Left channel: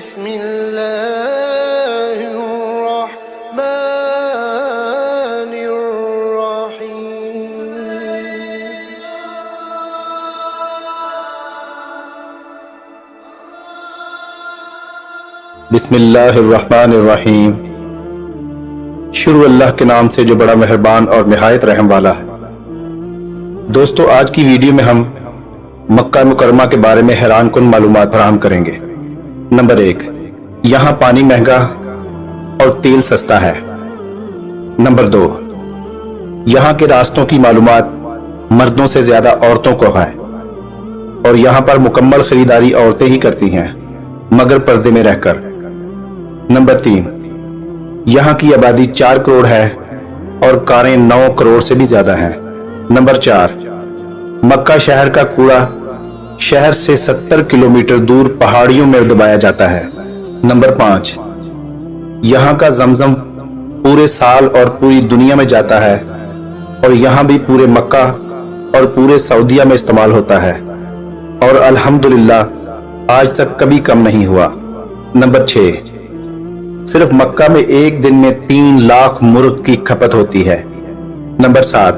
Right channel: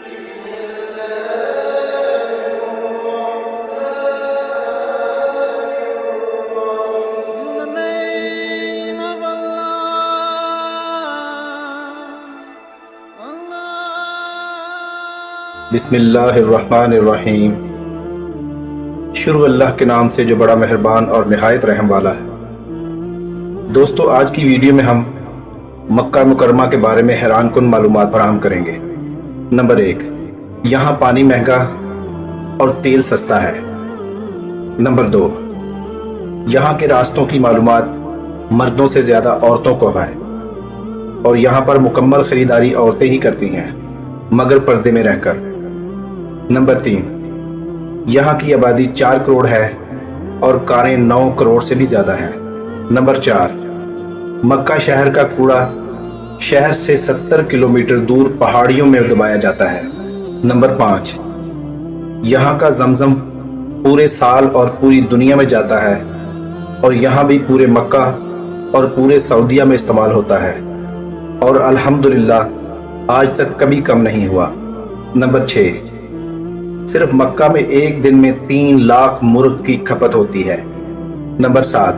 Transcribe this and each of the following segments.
بسم الله الرحمن الرحيم. بسم اللہ الرحمن الرحیم. شروع اللہ کے نام سے جو بڑا مہربان اور نہایت رحم والا ہے. دوستو، آج کی ویڈیو میں ہم مکہ مکرمہ کے بارے میں حیران کن معلومات فراہم کریں گے. نمبر 1، یہاں پانی مہنگا اور تیل سستا ہے. نمبر 2، یہاں کے راستوں کی معلومات مردوں سے زیادہ عورتوں کو ہے اور یہاں پر مکمل خریداری عورتیں ہی کرتی ہیں مگر پردے میں رہ کر. نمبر 3، یہاں کی آبادی 4 کروڑ ہے اور کاریں 9 کروڑ سے بھی زیادہ ہیں. نمبر 4، مکہ شہر کا کوڑا شہر سے 70 کلومیٹر دور پہاڑیوں میں دبایا جاتا ہے. نمبر 5، یہاں کا زمزم پورے سال اور پوری دنیا میں جاتا ہے اور یہاں بھی پورے مکہ اور پورے سعودیہ میں استعمال ہوتا ہے اور الحمدللہ آج تک کبھی کم نہیں ہوا. نمبر 6، صرف مکہ میں ایک دن میں 3 لاکھ مرغ کی کھپت ہوتی ہے. نمبر 7،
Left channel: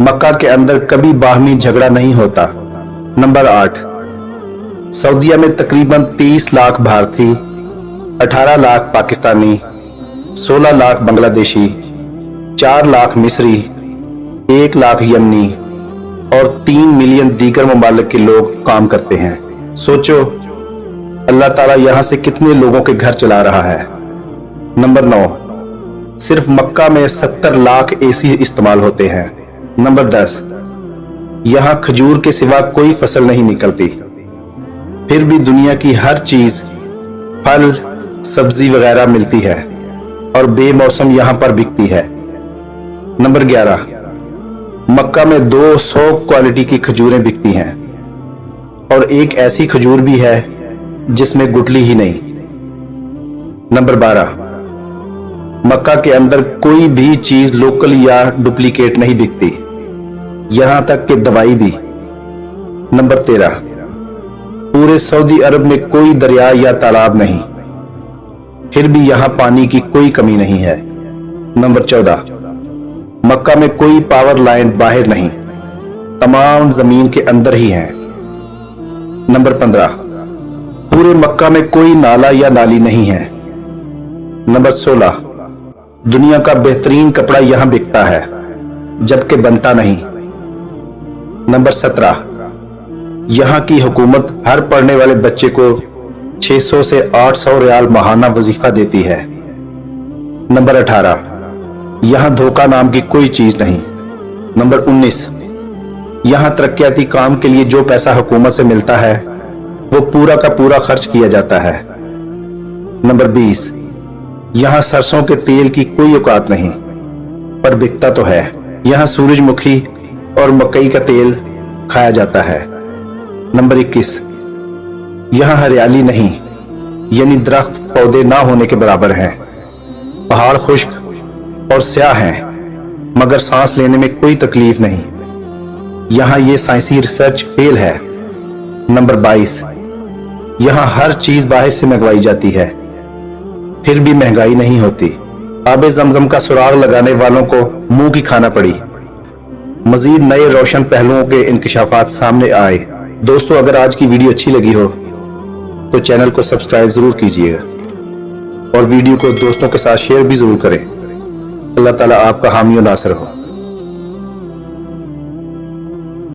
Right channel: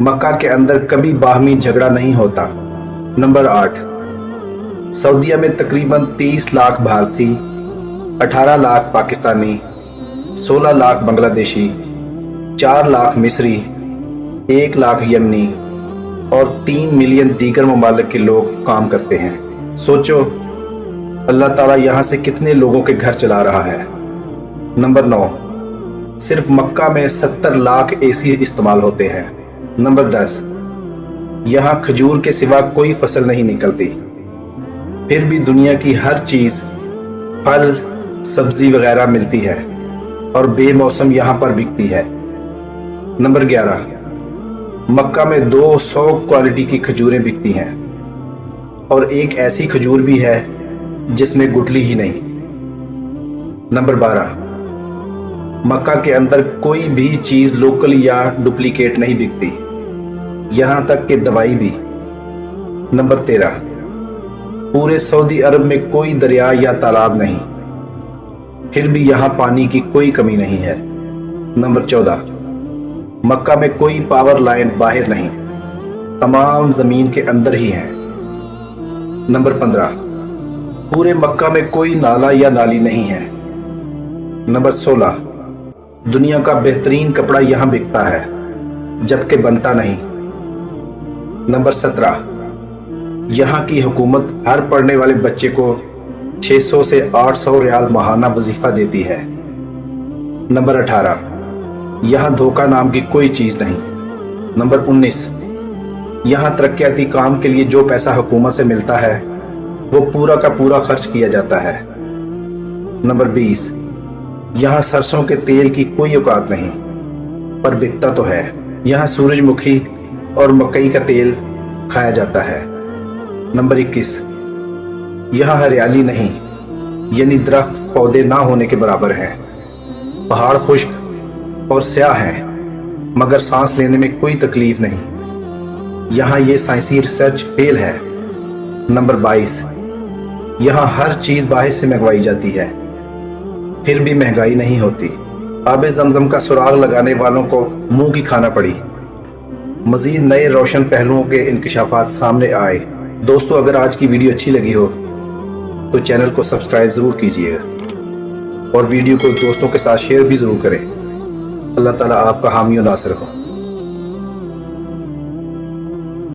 مکہ کے اندر کبھی باہمی جھگڑا نہیں ہوتا. نمبر 8، سعودیہ میں تقریباً 30 لاکھ بھارتی، 18 لاکھ پاکستانی، 16 لاکھ بنگلہ دیشی، 4 لاکھ مصری، 1 لاکھ یمنی اور 3 ملین دیگر ممالک کے لوگ کام کرتے ہیں. سوچو اللہ تعالیٰ یہاں سے کتنے لوگوں کے گھر چلا رہا ہے. نمبر 9، صرف مکہ میں 70 لاکھ اے سی استعمال ہوتے ہیں. نمبر 10، یہاں کھجور کے سوا کوئی فصل نہیں نکلتی، پھر بھی دنیا کی ہر چیز پھل سبزی وغیرہ ملتی ہے اور بے موسم یہاں پر بکتی ہے. نمبر 11، مکہ میں 200 کوالٹی کی کھجوریں بکتی ہیں اور ایک ایسی کھجور بھی ہے جس میں گٹلی ہی نہیں. نمبر 12، مکہ کے اندر کوئی بھی چیز لوکل یا ڈپلیکیٹ نہیں بکتی، یہاں تک کہ دوائی بھی. نمبر 13، پورے سعودی عرب میں کوئی دریا یا تالاب نہیں، پھر بھی یہاں پانی کی کوئی کمی نہیں ہے. نمبر 14، مکہ میں کوئی پاور لائن باہر نہیں، تمام زمین کے اندر ہی ہیں. نمبر 15، پورے مکہ میں کوئی نالا یا نالی نہیں ہے. نمبر 16، دنیا کا بہترین کپڑا یہاں بکتا ہے جبکہ بنتا نہیں. نمبر 17، یہاں کی حکومت ہر پڑھنے والے بچے کو 600 سے 800 ریال ماہانہ وظیفہ دیتی ہے. نمبر 18، یہاں دھوکہ نام کی کوئی چیز نہیں. نمبر 19، یہاں ترقیاتی کام کے لیے جو پیسہ حکومت سے ملتا ہے وہ پورا کا پورا خرچ کیا جاتا ہے. نمبر 20، یہاں سرسوں کے تیل کی کوئی اوقات نہیں پر بکتا تو ہے. یہاں سورج مکھی اور مکئی کا تیل کھایا جاتا ہے. نمبر 21، یہاں ہریالی نہیں، یعنی درخت پودے نہ ہونے کے برابر ہیں. پہاڑ خشک اور سیاہ ہیں مگر سانس لینے میں کوئی تکلیف نہیں. یہاں یہ سائنسی ریسرچ فیل ہے. نمبر 22، یہاں ہر چیز باہر سے منگوائی جاتی ہے پھر بھی مہنگائی نہیں ہوتی. آب زمزم کا سراغ لگانے والوں کو منہ کی کھانا پڑی. مزید نئے روشن پہلوؤں کے انکشافات سامنے آئے. دوستو، اگر آج کی ویڈیو اچھی لگی ہو تو چینل کو سبسکرائب ضرور کیجیے گا اور ویڈیو کو دوستوں کے ساتھ شیئر بھی ضرور کریں. اللہ تعالیٰ آپ کا حامی و ناصر ہو.